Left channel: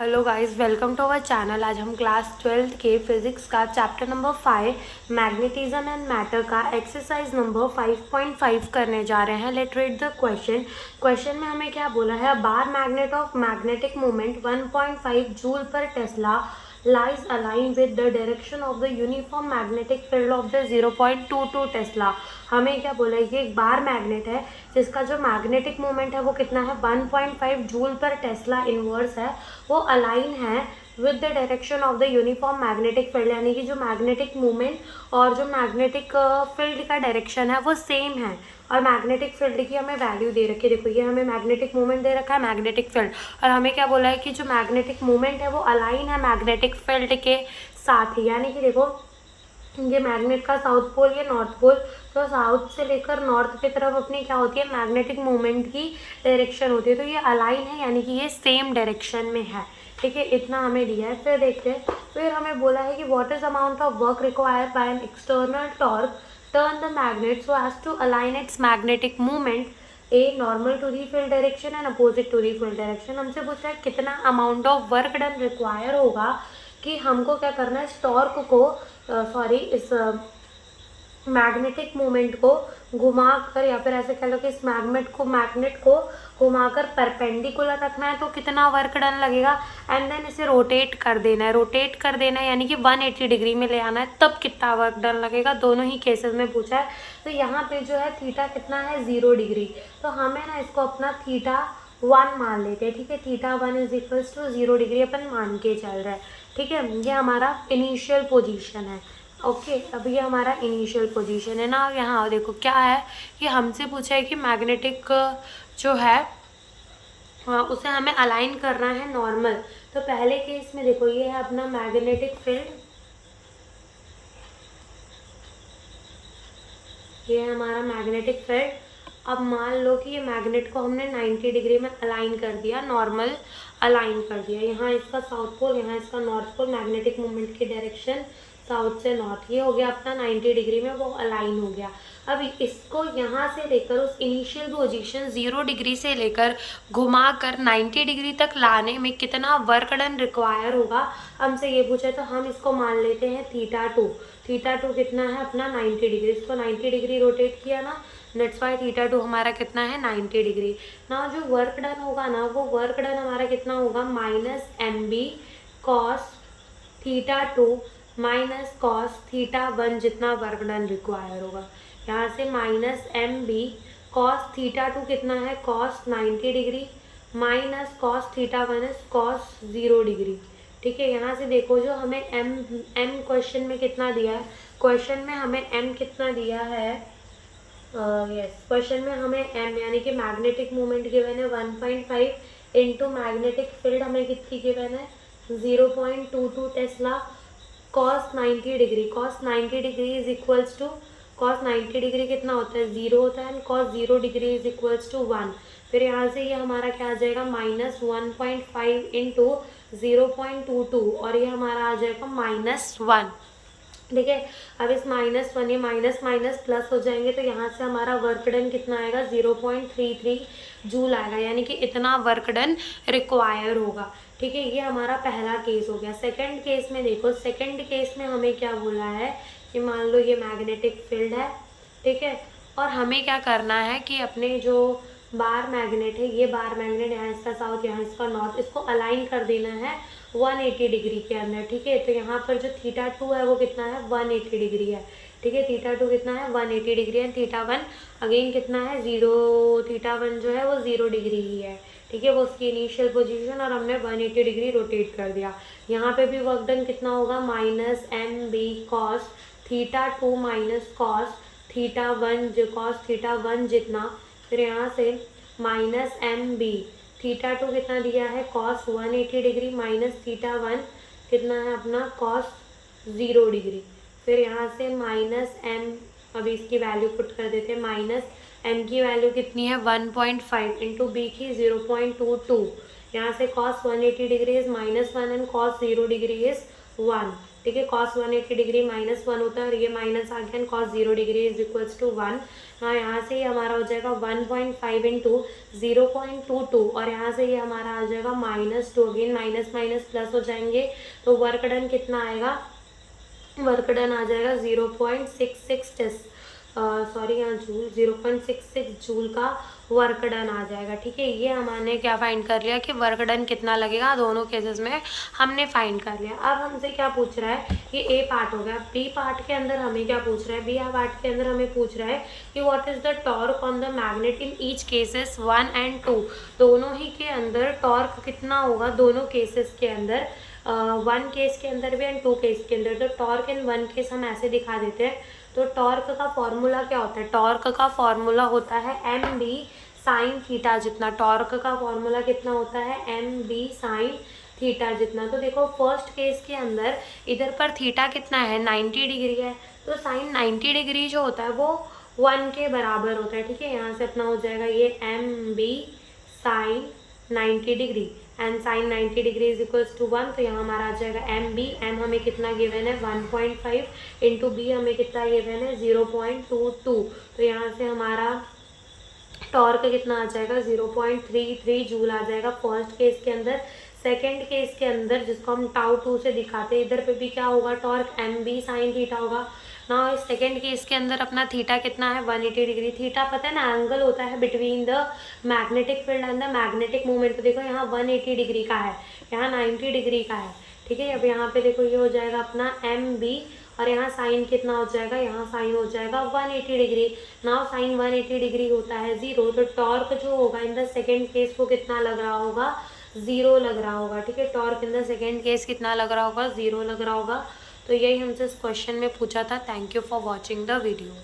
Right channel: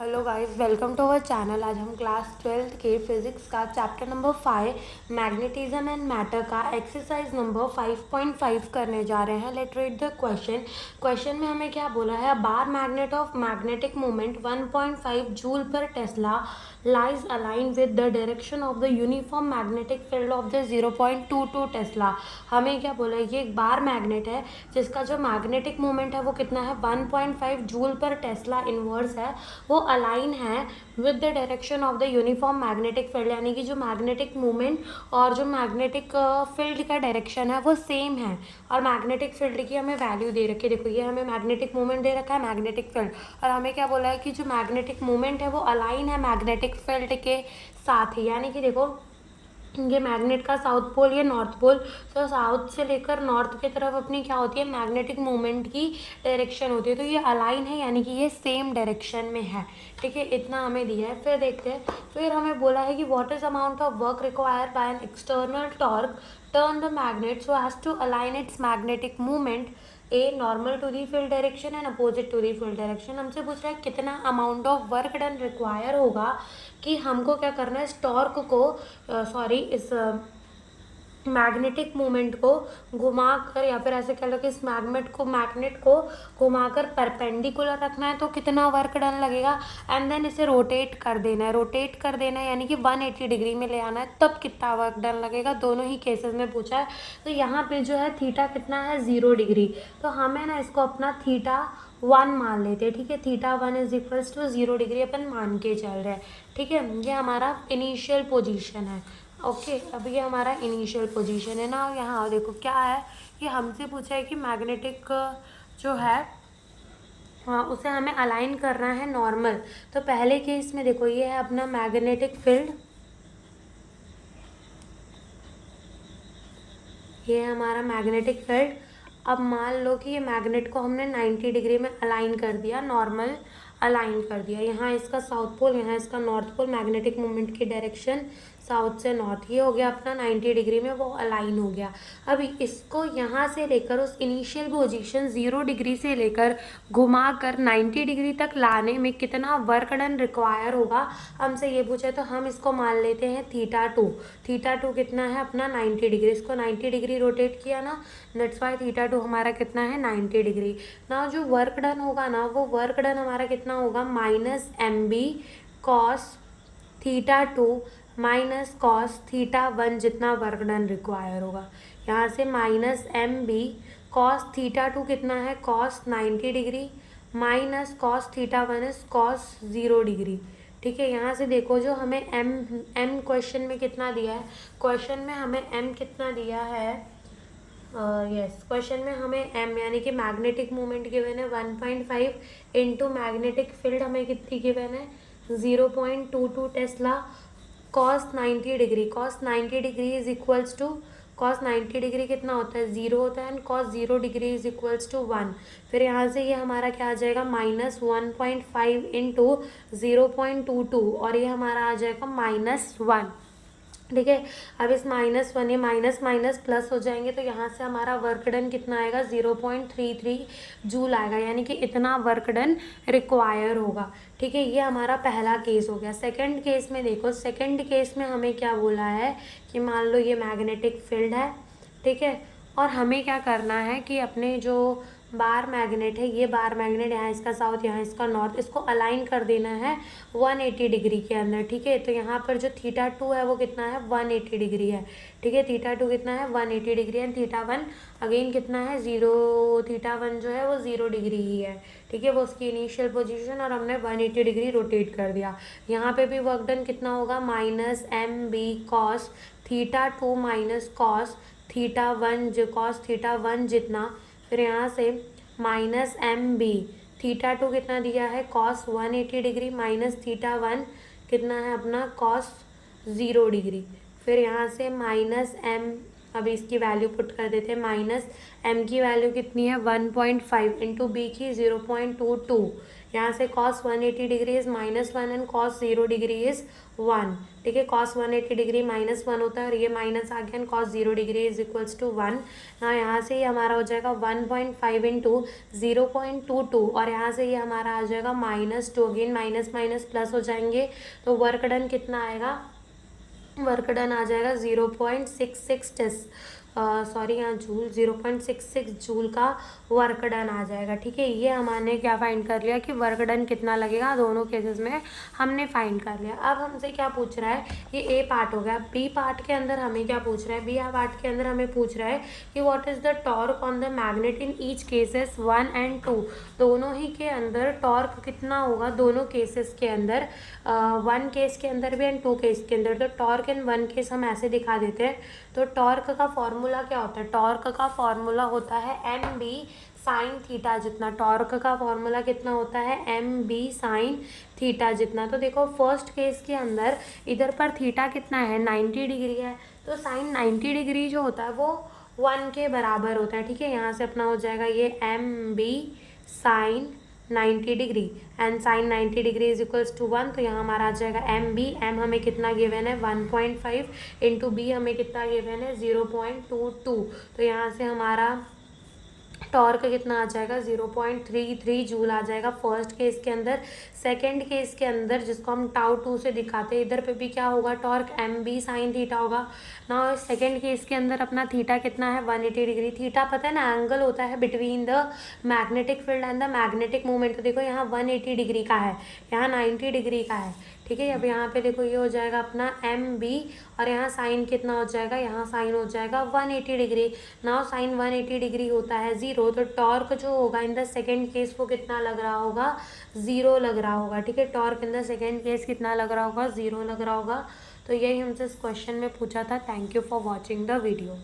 Hello guys, welcome to our channel. आज हम class 12th के फिजिक्स का chapter number 5 magnetism and matter का एक्सरसाइज नंबर 5.5 करने जा रहे हैं। लेट रीड द क्वेश्चन में हमें क्या बोला है। Bar magnet of magnetic moment 1.5 joule पर Tesla lies aligned with the direction of the uniform magnetic field of the 0.22 Tesla. हमें क्या बोला है, ये एक बार मैग्नेट है जिसका जो मैग्नेटिक मोमेंट है वो कितना है 1.5 जूल पर टेस्ला इनवर्स है। वो अलाइन है with the direction of the uniform magnetic field, यानी कि जो मैग्नेटिक मोमेंट और जो मैग्नेटिक फील्ड का डायरेक्शन है वो सेम है। और मैग्नेटिक फील्ड की हमें वैल्यू दे रखी है, देखो ये हमें मैग्नेटिक मोमेंट दे रखा है, मैग्नेटिक फील्ड, और हमें क्या बोला है कि जो मैग्नेटिक मोमेंट है वो अलाइन है मैग्नेटिक फील्ड के साथ ही। यानी कि देखो ये मैग्नेट का साउथ पोल, ये नॉर्थ पोल, तो साउथ से लेकर नॉर्थ की तरफ अपनी क्या होती है मैग्नेटिक मोमेंट की डायरेक्शन होती है। तो ये अलाइन है यानी कि ये सेम डायरेक्शन में है। ठीक है, इतना हमें दिया है। फिर देखते हैं, फिर हमें बोला है कि what is amount of work required by an external torque turn the magnet so as to align its magnetic movement a normal to the field direction and opposite to the field direction. हमसे पूछ रहा है कितना amount of work done require होगा कि हमको क्या करना है, इस टॉर्क को इस मैग्नेटिक मोमेंट को घुमाकर, या फिर ऐसे कह लो कि इस मैग्नेट को घुमाकर परपेंडिकुलर रखना है। तो कितना वर्क डन लगेगा, एंड देन इसे रोटेट कर देना है, यानी कि 180 डिग्री में ले आना है, तब कितना वर्क डन लगेगा। दोनों ही केसेस में पूछा है। तो यहाँ पे जो है थीटा कितना है 0 डिग्री, तो हमें ना इसको अपना थीटा 1 मान लेते हैं। ठीक है, theta 1 is equals to 0 degree अपन मान के चल रहे हैं। ठीक है, ये हमारा इनिशियल पोजीशन है। ओके, अब ये हमारा इनिशियल पोजीशन है ना। यहाँ देखो क्या है कि हमसे पूछा है कि मैग्नेटिक जो है उसे हमें अलाइन करना है नॉर्मल। तो पहले केस में देखो ये है अपना मैग्नेटिक फील्ड, ये है हमारा मैग्नेटिक फील्ड। अब मान लो कि ये मैग्नेट को हमने 90 डिग्री में अलाइन कर दिया, नॉर्मल अलाइन कर दिया। यहाँ इसका साउथ पोल, यहाँ इसका नॉर्थ पोल, मैग्नेटिक मोमेंट की डायरेक्शन साउथ से नॉर्थ, ये हो गया अपना 90 डिग्री में वो अलाइन हो गया। अब इसको यहाँ से लेकर उस इनिशियल पोजीशन 0 डिग्री से लेकर घुमा कर 90 डिग्री तक लाने में कितना वर्क डन रिक्वायर होगा, हमसे ये पूछा है। तो हम इसको मान लेते हैं थीटा 2। थीटा 2 कितना है अपना 90 डिग्री, इसको 90 डिग्री रोटेट किया ना, दैट्स वाई थीटा 2 हमारा कितना है 90 डिग्री। ना जो वर्क डन होगा ना, वो वर्क डन हमारा कितना होगा -mb cos theta 2 minus cos theta 1 जितना वर्क डन रिक्वायर होगा। यहाँ से -mb cos थीटा 2 कितना है cos 90 degree minus cos theta 1 is cos 0 degree. ठीक है, यहाँ से देखो जो हमें m क्वेश्चन में कितना दिया है, क्वेश्चन में हमें m कितना दिया है, क्वेश्चन में हमें m यानी कि मैग्नेटिक मोमेंट गिवन है 1.5 इंटू मैग्नेटिक फील्ड हमें कितनी गिवन है 0.22 tesla cos 90 degree. cos 90 degree is equals to, cos 90 degree कितना होता है 0 होता है, and cos 0 degree is equals to 1। फिर यहाँ से ये हमारा क्या आ जाएगा -1.5 इंटू 0.22, और ये हमारा आ जाएगा -1। ठीक है, अब इस -1 ये माइनस माइनस प्लस हो जाएंगे, तो यहाँ से हमारा वर्क डन कितना आएगा 0.33 जूल आएगा, यानी कि इतना वर्क डन रिक्वायर होगा। ठीक है, ये हमारा पहला केस हो गया। सेकंड केस में देखो, सेकंड केस में हमें क्या बोला है कि मान लो ये मैग्नेटिक फील्ड है, ठीक है, और हमें क्या करना है कि अपने जो बार मैग्नेट है, ये बार मैग्नेट यहाँ इसका साउथ, यहाँ इसका नॉर्थ, इसको अलाइन कर देना है 180 डिग्री के अंदर। ठीक है, तो यहाँ पर जो थीटा 2 है वो कितना है 180 डिग्री है। ठीक है, थीटा 2 कितना है 180 डिग्री है, थीटा 1 अगेन कितना है 0, थीटा 1 जो है वो 0 डिग्री ही है। ठीक है, वो उसकी इनिशियल पोजीशन, और हमने 180 डिग्री रोटेट कर दिया। यहाँ पे भी वर्क डन कितना होगा -mb cos theta 2 minus cos theta 1 जो cos थीटा 1 जितना, फिर यहाँ से -mb थीटा 2 कितना दिया है cos 180 डिग्री माइनस थीटा 1 कितना है अपना cos 0 डिग्री। फिर यहाँ से -m, अभी इसकी वैल्यू पुट कर देते हैं, -m की वैल्यू कितनी है 1.5 इंटू b की 0.22, यहाँ से cos 180 degree is -1 and cos 0 degree is 1, ठीक है। कॉस 180 डिग्री -1 होता है और ये माइनस आ गया, cos 0 degree is equals to 1। हाँ, यहाँ से ये हमारा हो जाएगा 1.5 इंटू 0.22 और यहाँ से ये हमारा आ जाएगा -2, अगेन माइनस माइनस प्लस हो जाएंगे, तो वर्क डन कितना आएगा, वर्क डन आ जाएगा 0.66 सॉरी यहाँ जूल 0.66 जूल का वर्क डन आ जाएगा, ठीक है। ये हमने क्या फाइंड कर लिया कि वर्क डन कितना लगेगा, दोनों केसेस में हमने फाइंड कर लिया। अब हमसे क्या पूछ रहा है, ये ए पार्ट हो गया। बी पार्ट के अंदर हमें क्या पूछ रहा है, बी पार्ट के अंदर हमें पूछ रहा है कि what is the torque on the magnet in each cases 1 and 2, दोनों ही के अंदर टॉर्क कितना होगा, दोनों केसेस के अंदर, 1 केस के अंदर भी एंड 2 केस के अंदर। तो टॉर्क इन 1 केस हम ऐसे दिखा देते हैं। तो टॉर्क का फॉर्मूला क्या होता है, टॉर्क का फॉर्मूला होता है एम बी साइन थीटा जितना। टॉर्क का फॉर्मूला कितना होता है, एम बी साइन थीटा जितना। तो देखो फर्स्ट केस के अंदर इधर पर थीटा कितना है, 90 डिग्री है, तो साइन 90 डिग्री जो होता है वो 1 के बराबर होता है, ठीक है। यहाँ से अपना हो जाएगा ये M B sine 90 degree and sine 90 degree is equals to 1। तो यहाँ हमारा आ जाएगा एम बी, एम हमें कितना गिवन है 1.5 इंटू बी हमें कितना गिवन है 0.22। तो यहाँ से हमारा टॉर्क कितना आ जाएगा 0.33 जूल आ जाएगा फर्स्ट केस के अंदर। सेकेंड केस के अंदर जिसको हम टाउ 2 से दिखाते हैं, इधर पे भी क्या होगा, torque M B sine theta होगा ना। सेकेंड केस के अंदर अपना थीटा कितना है 180 डिग्री। थीटा पता है ना, एंगल होता है between the magnetic field and the magnetic movement. तो देखो यहाँ 180 डिग्री का है, यहाँ 90 डिग्री का है, ठीक है। अब यहाँ पे देखो ये हो जाएगा अपना एम बी और यहाँ साइन कितना हो जाएगा, यहाँ साइन हो जाएगा 180 डिग्री। नाउ साइन 180 डिग्री होता है 0, तो टॉर्क जो होगा इन द सेकेंड केस वो कितना लग रहा होगा, 0 लग रहा होगा, ठीक है। Torque in the second case कितना लग रहा होगा, 0 लग रहा होगा। तो यही हमसे इस क्वेश्चन में पूछा था। Thank you for watching the video.